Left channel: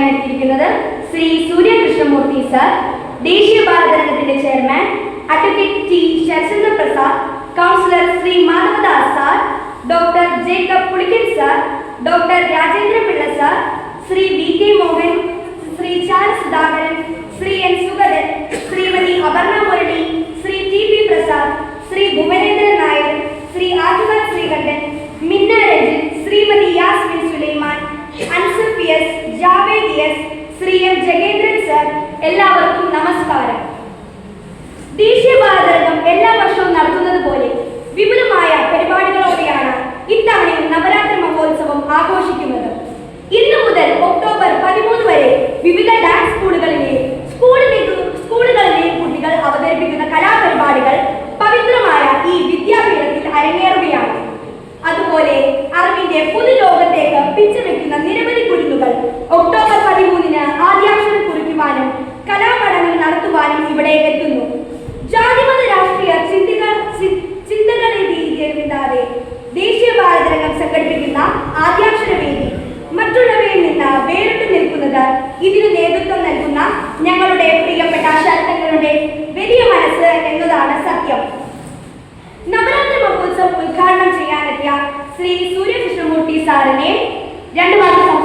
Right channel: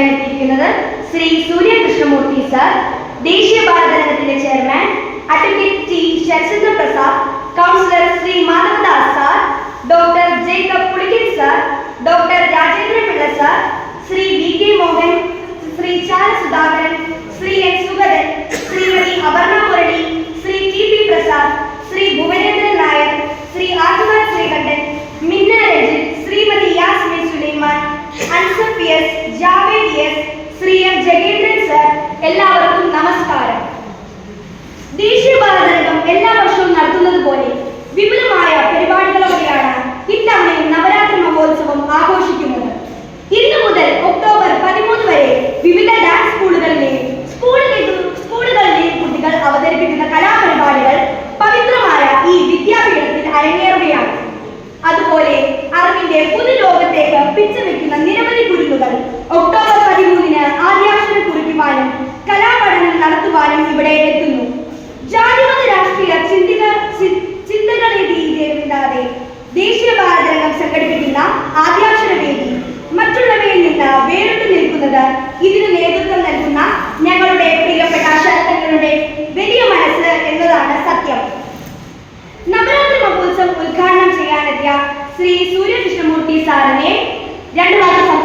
എത്തിയിരിക്കുന്നത് ശ്രീ സൂര്യകൃഷ്ണമൂർത്തി സാർ ദേശീയ ഭാരതത്തിന്റെ chairman advocate T Sharachandra Prasad councillor Shri Madhavadas sir doctor Jacob Pulikkan sir doctor Rajendra Pillai sir Shri V K Mohan Shri Charles Sudhakaran Shri N Sugathan Shrimati Aparna Murali Shri T P Prasad Shri Bhuvanendran Nair Shri Adivan Sreekantan Minna Ranjith Shrimati Yasmin Sulaiman അൻസഫിയസ് S Shri M sir എല്ലാവർക്കും നമസ്കാരം. എല്ലാ വർഷവും പോലെ വിപുലമായ പരിപാടികളോടെയാണ് നവരാത്രി മഹോത്സവം ആഘോഷിക്കുന്നത്. October പതിമൂന്ന് വരെ വിവിധ ഡാൻസ് സ്കൂളുകളിലെ അവതരിപ്പിക്കുന്ന കലാപരിപാടികൾ പവിത്രമായ ഈ അതുപോലെ അറിവിന്റെ പുതുലോകത്തേക്ക് പിച്ചവെക്കുന്ന നിരവധി രീതിയില്ലാതെ ദേശീയ ഭാരതരംഗം സംഘടിപ്പിക്കുന്ന ആദ്യാക്ഷരവേദി മറ്റുള്ളവയിൽ നിന്ന് വേറിട്ട് നിൽക്കുന്നത് ഇതിന് നേതൃത്വം നൽകുന്ന ഞങ്ങളുടെ പ്രിയപ്പെട്ട ശരത്തങ്ങളുടെ വലിയ മനസ്സ് എന്നതാണ് സത്യം. നവരാത്രി മഹോത്സവം ഉദ്ഘാടനം ചെയ്യാനെത്തിയ ശ്രീ സൂര്യകൃഷ്ണമൂർത്തി സാറിനെ രണ്ടു ക്ഷണിക്കുന്നു